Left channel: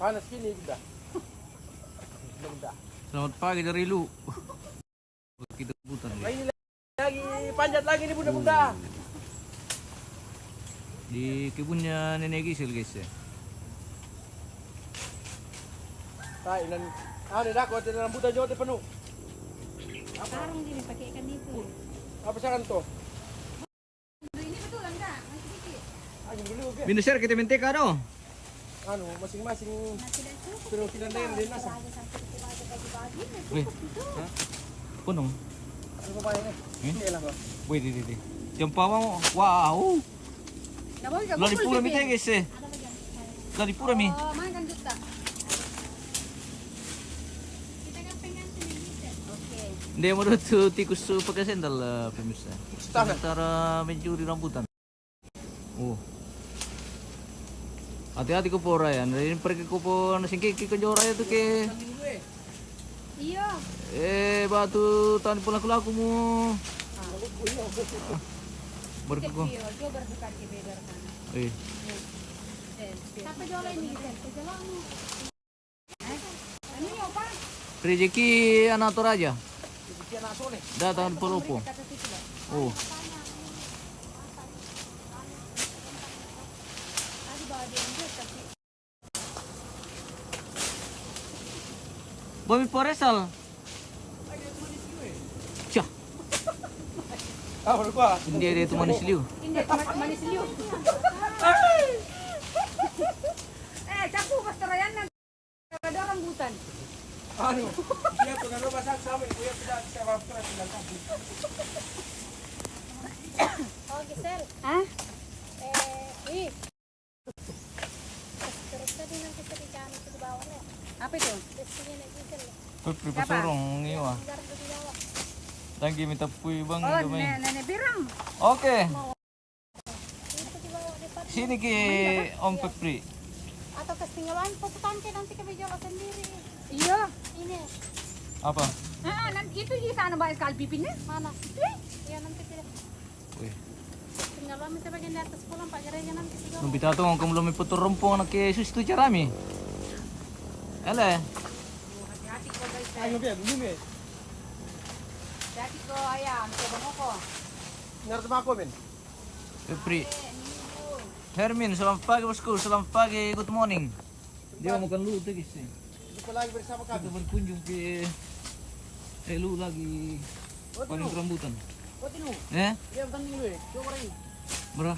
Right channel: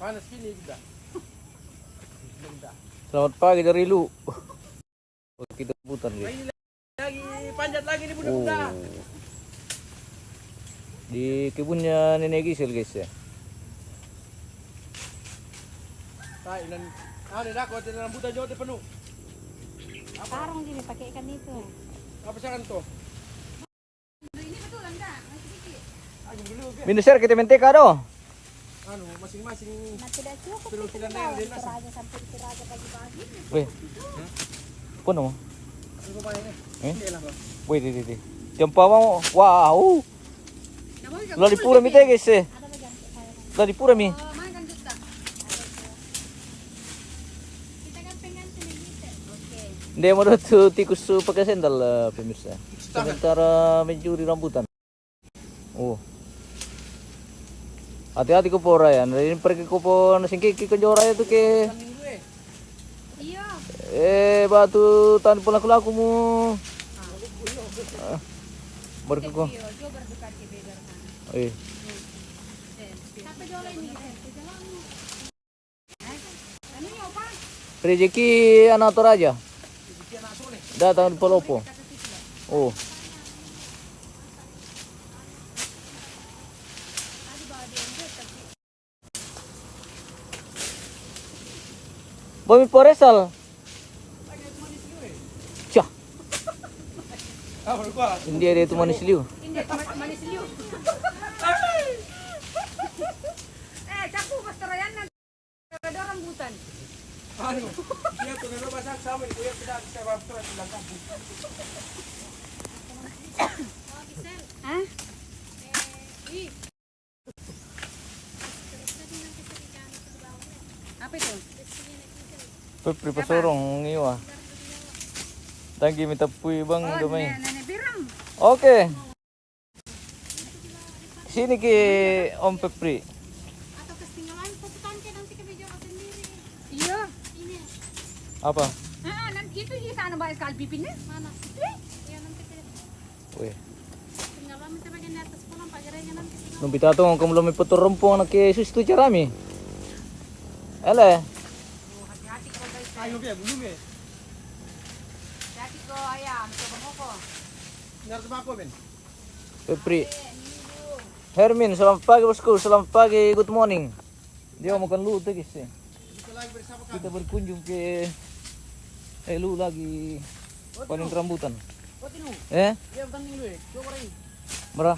Panas gini juga. Selamat pagi dari Lu. Kita putar Nah, deh. ini lagi panjat lagi nih bunda-bunda. Di kebunnya Nenek Gisel guys ya. Tai dan ada dah kau ada rambutan jauh penuh. Sekarang gini pakai ikan itu. Apa sekarang tuh? Ini betul enggak? Masih dikit. Anjing dulu ke? Minus share kita menteka doh. Anu masing-masing Masih dah cukup. suruh kita yang di nasa. Hanya sampai kira ada bagi-bagi. Weh. Apa nama? Ano pa ini? Hindi lang ko. Weh di. Jumpa mo. Wow. Namun Lo di pura mi te guys eh. ada bagian saya. Lo di pura mi. Oh, makan juta. Kita kan pengen sini bisa. Oke. Hindi mo tuh tikus pakai sendal pemirsa. Setengah. Sementara mencuri rambutan. Oh. Hati-hati ko po Ryan. Ini pergi ko po nasingkiki ko jora itu ke Minggu eh. Iya. batu tahun pulang laku mo. Baru ko. Iya, coba berbuka ke beda sana. Eh. Sampai jualan ini, sampai jualan. Ano yung pa? Rezeki anak Toraja. Hindi na aso eh. Datang di Palopo. Oh. Bumi Poresal. Cah, Ah, baru ko. hindi ada itu manis liu. Hindi, manis liyo. Capu, basta rayan na. Kada rambutan. Ano? Iya to na ba sa sabi ko ya pida sa ba to na sa. Oh, Gisel. Hah? Terus tadi nang kita ikan itu di bawah ya. Apa itu? Rezekinya nek Gisel. Kau pripasorong ngiwa. Garap di bawah. Lagi minta pui bang Oh, gamay. nenek biram. Oke, Itu di bawah di depan. sini ki Om Pepri. Atau ketinggalan pasukan ke nanti kami jalan sendiri. Iya. Ini. Apa? Nanti itu di sana banyak sekali pipinnya. Mana? Iya nanti kita Weh, tinggal minta bagian di atas pulang Pak Gerenya nanti sih. nung pitato ang kamulong may puto rumpong na kay susto charami. Ele, Hati-hati kau guys. Ay, no dulu me. Hati-hati kau ayam. Coba mau kau. Ngarep ako ben. Pepri. Hermin, selamat pagi bosku, selamat pagi, good morning. Dia mau makan lu tuh guys. Hindi ko lagi bersama Kita kami. berkunjung ke lu lagi paling rambutan. O tinu. Eh, Iya bukan dulu eh. Coba rin. Mara.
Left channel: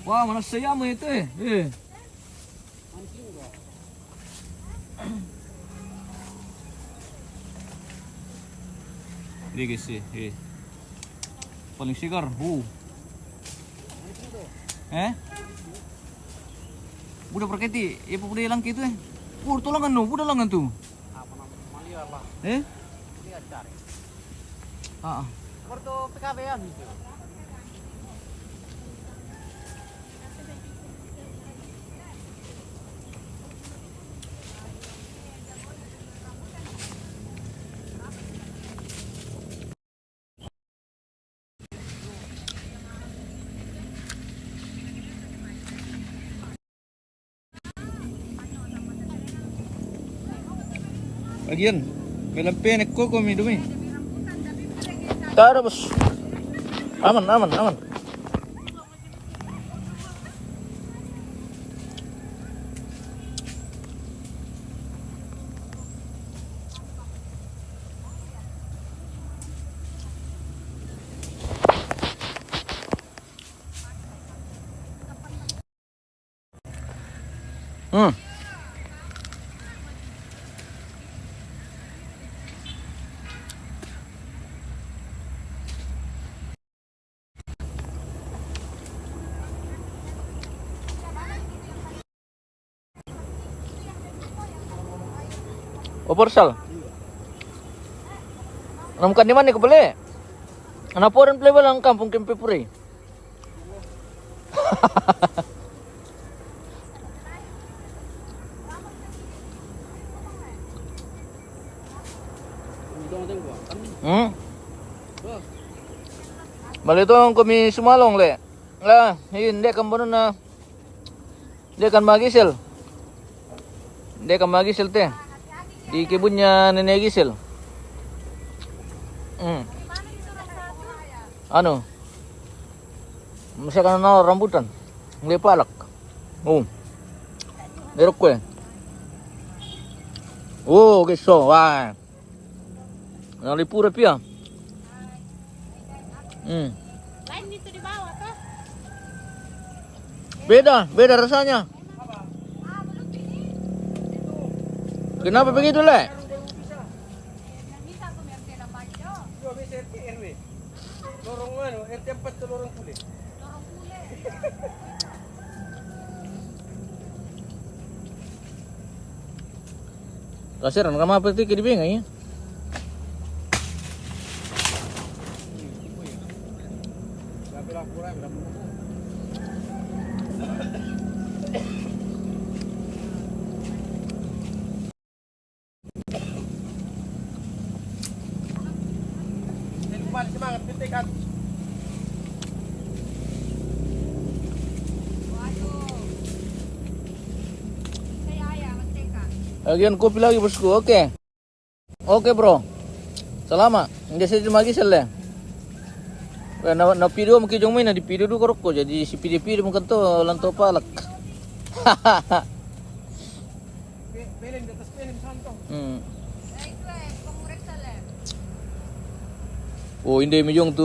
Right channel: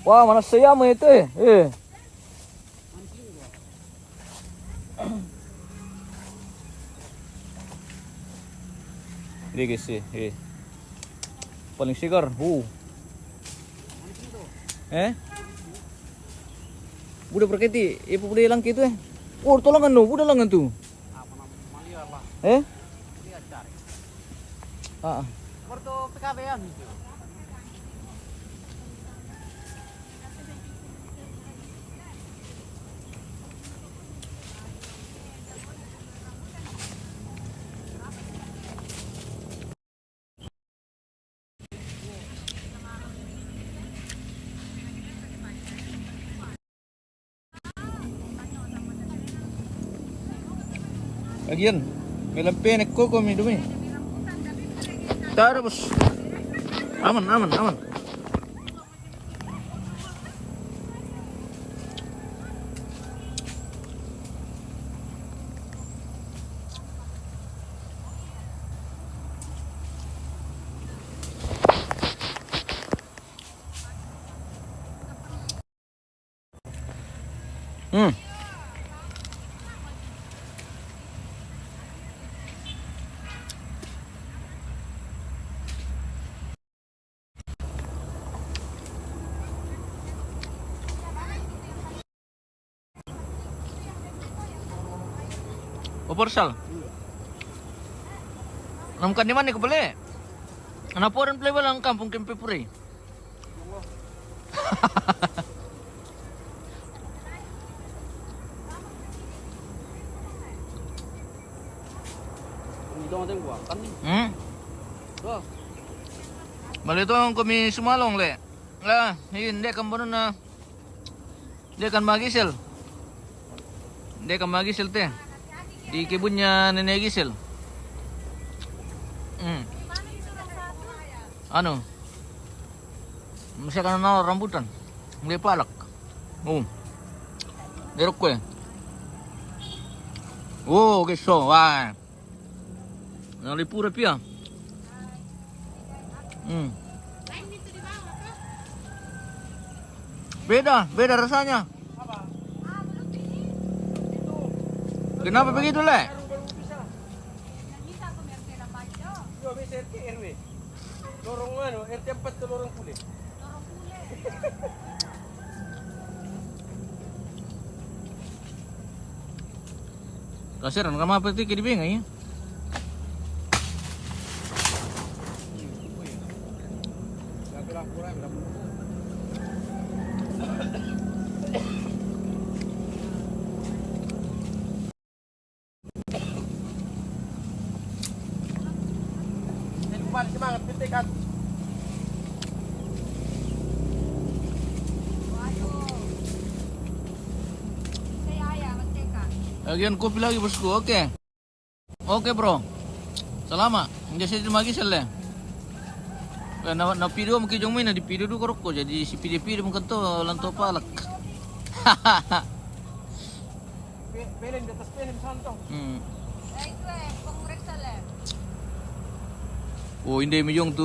Wah, mana saya mo ito eh. Mancing ko. Ini guys eh. Paling sigar. Mancing to. Budak perketi, ibu budak lang gitu eh. Oh, tolangan no, budak lang tu. Apa nama? Maliar lah. Lihat cari. Ah. Porto PKB-an gitu. Bagian, melam penek kok kami dumi. Tara bos. Aman. Oporsal. Namkan di mana ko beli? Anak po rin play lang kampung Kempepuri. Bali ito ang kami sumalong le. Hindi kambono na Dia kan sama Gisel. Dia kan sama Gisel teh. Di kebunnya nenek Gisel. Anu. Masih kan nawar rambutan. Nggak palak. Oh. Derok kue. Oh, geso. Wah. Nalipura pia. Lain itu di bawah tuh. Beda rasanya. Apa? Belum ini. Kenapa begitu, Le? Baru bisa. Yang bisa aku merti dapat yo. Yo bisa RT RW. Lorong mana? RT 4 ke lorong kulit. Lorong kulit. Kasiran kamu apa sih kiri bingung ya? Kembali semangat pentekan. Waduh. Saya ayah menteka. Lagian kopi lagi bosku, oke. Oke bro. Selama, hindi siya Gisel ya. Na video mo kijong may na di video do korok ko jadi si pidi mo kanto lanto palak. Pelen di atas pelen santo. Itu pengreksa le. Oh, hindi mo yung tu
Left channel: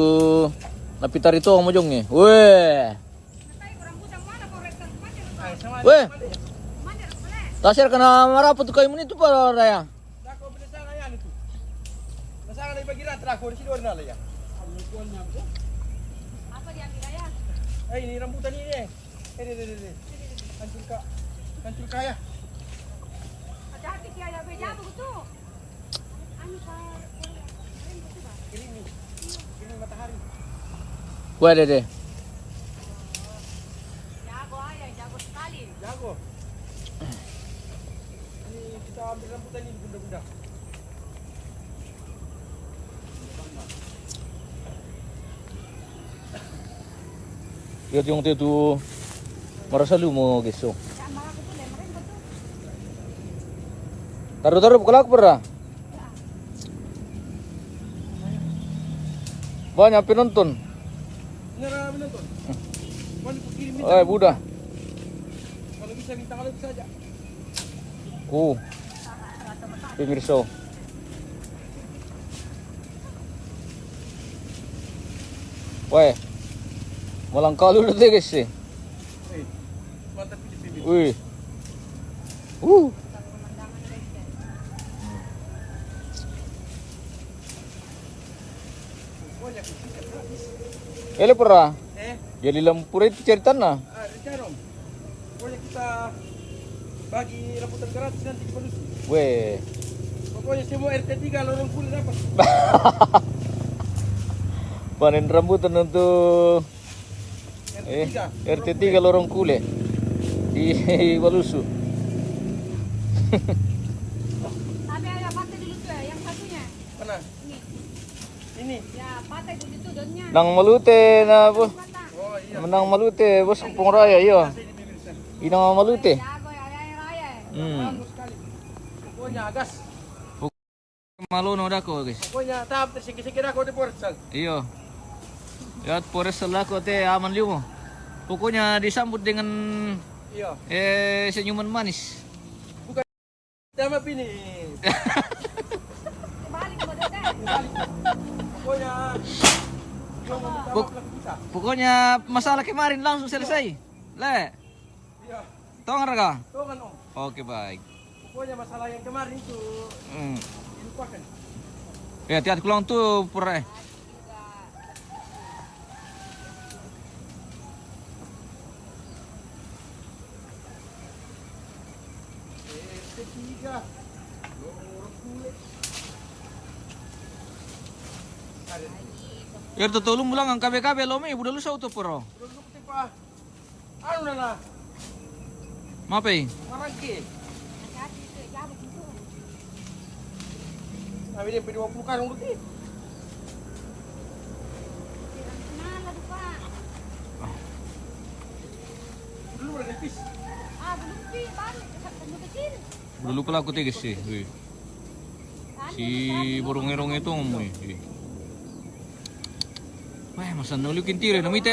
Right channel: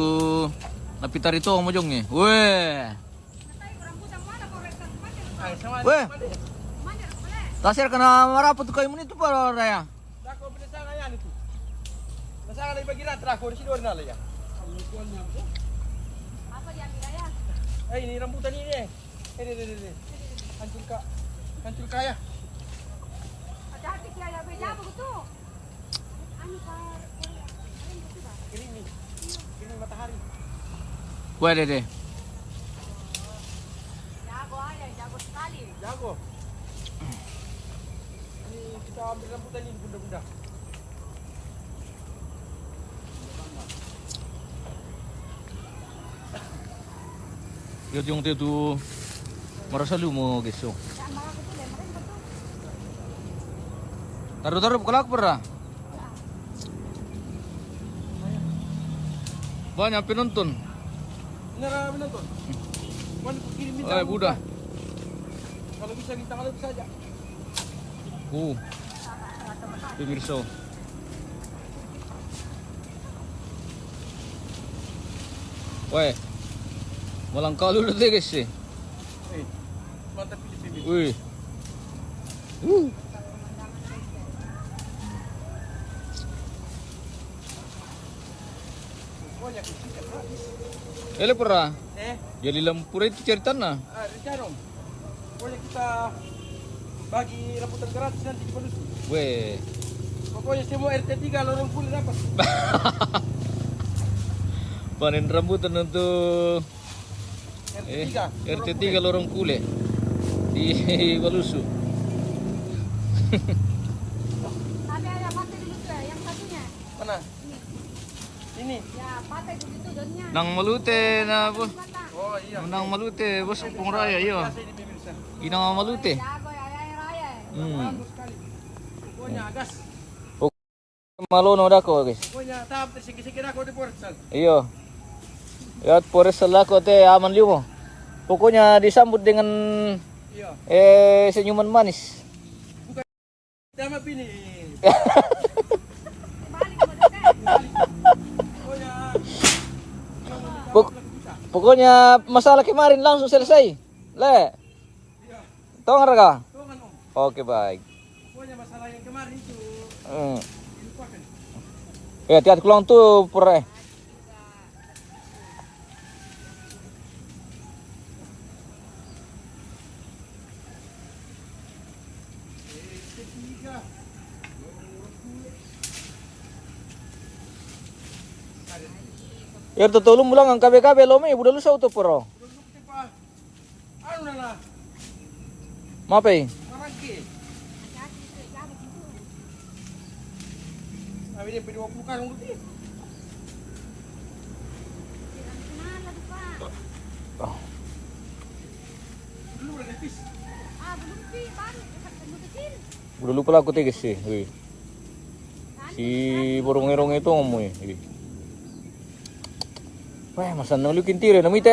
napitar ito ang mo yung eh. Weh. Natay kurang putang mana pengreksa mana? Ay, sama. Weh. Mana boleh? Tasir ka na marapot kayo mo nito para raya. Dako binasanga yan itu. Nasanga na ibagira trako di sidor na ya. Apa diambil ayah? Eh ini rambutan ini. Ini. Hancur kaya. Hati-hati kia ya beja begitu. Anu kar keren betul ba? Ini matahari. Pwede deh. Jago ayah, jago sekali. Jago. Ini kita ambil rambutan ini bunda-bunda. Lihat yung itu marasa lumo geso. Ya malah betul le, mereka betul. Taruh kelak pernah. Banyak penonton. Benar menonton. Mana ku kirim Eh, Buddha. Kalau bisa minta kalau bisa aja. Pemirsa. Weh. Malang kalu udah deh guys sih. Mantap pilih-pilih. Wih. Pokoknya kita habis. Ele pernah. Eh, Jadi lampu itu cerita na. Rencana. Pokoknya kita bagi rambutan gratis nanti di Palusu. Weh. Pokoknya semua RT 3 lorong kulit dapat. Panen rambutan untuk RT 3. RT 3 lorong kule di Palusu. Tapi ayah pakai dulu tuh ya, yang satunya. Mana? Ini. Ya, pakai dulu tuh daunnya. Nang malute na bos. Patah. Oh iya. Menang malute bos pengraya iya. Biasa ini pemirsa. Inang malute. Jago ya, ayah raya. Bagus sekali. Pokoknya gas. Malono dako guys. Pokoknya tahap tersegi-segi aku di Portsal. Iyo. Lihat Polres Selako teh aman limo. Pokoknya disambut dengan Iya. senyuman manis. Sama pini. Balik ke dekat. Pokoknya yang mau minta Pok- maaf lagi bisa. Pokoknya masalah kemarin langsung selesai. Le, Iya. tong harga. Tolongan Om. Oke baik. Pokoknya masalah yang kemarin itu dilupakan. Ya hati-hati pulang tuh pura. Ketiga. Ya tutulong mo lang ang kabe-kabe lo may budak lusaw to pero. Duduk pa. Ano na na? Mapay. Marangki. Hati-hati tuh, jago gitu. Sabi dia 20 karung dulu. Kenal lah Pak. Dulu udah nipis. Ah, Tapi pan, ano kecil? Udah lupa lah aku tegas sih. Wih. Si burung-irung itu ngomong. Wah, masa nulikin tira, namita.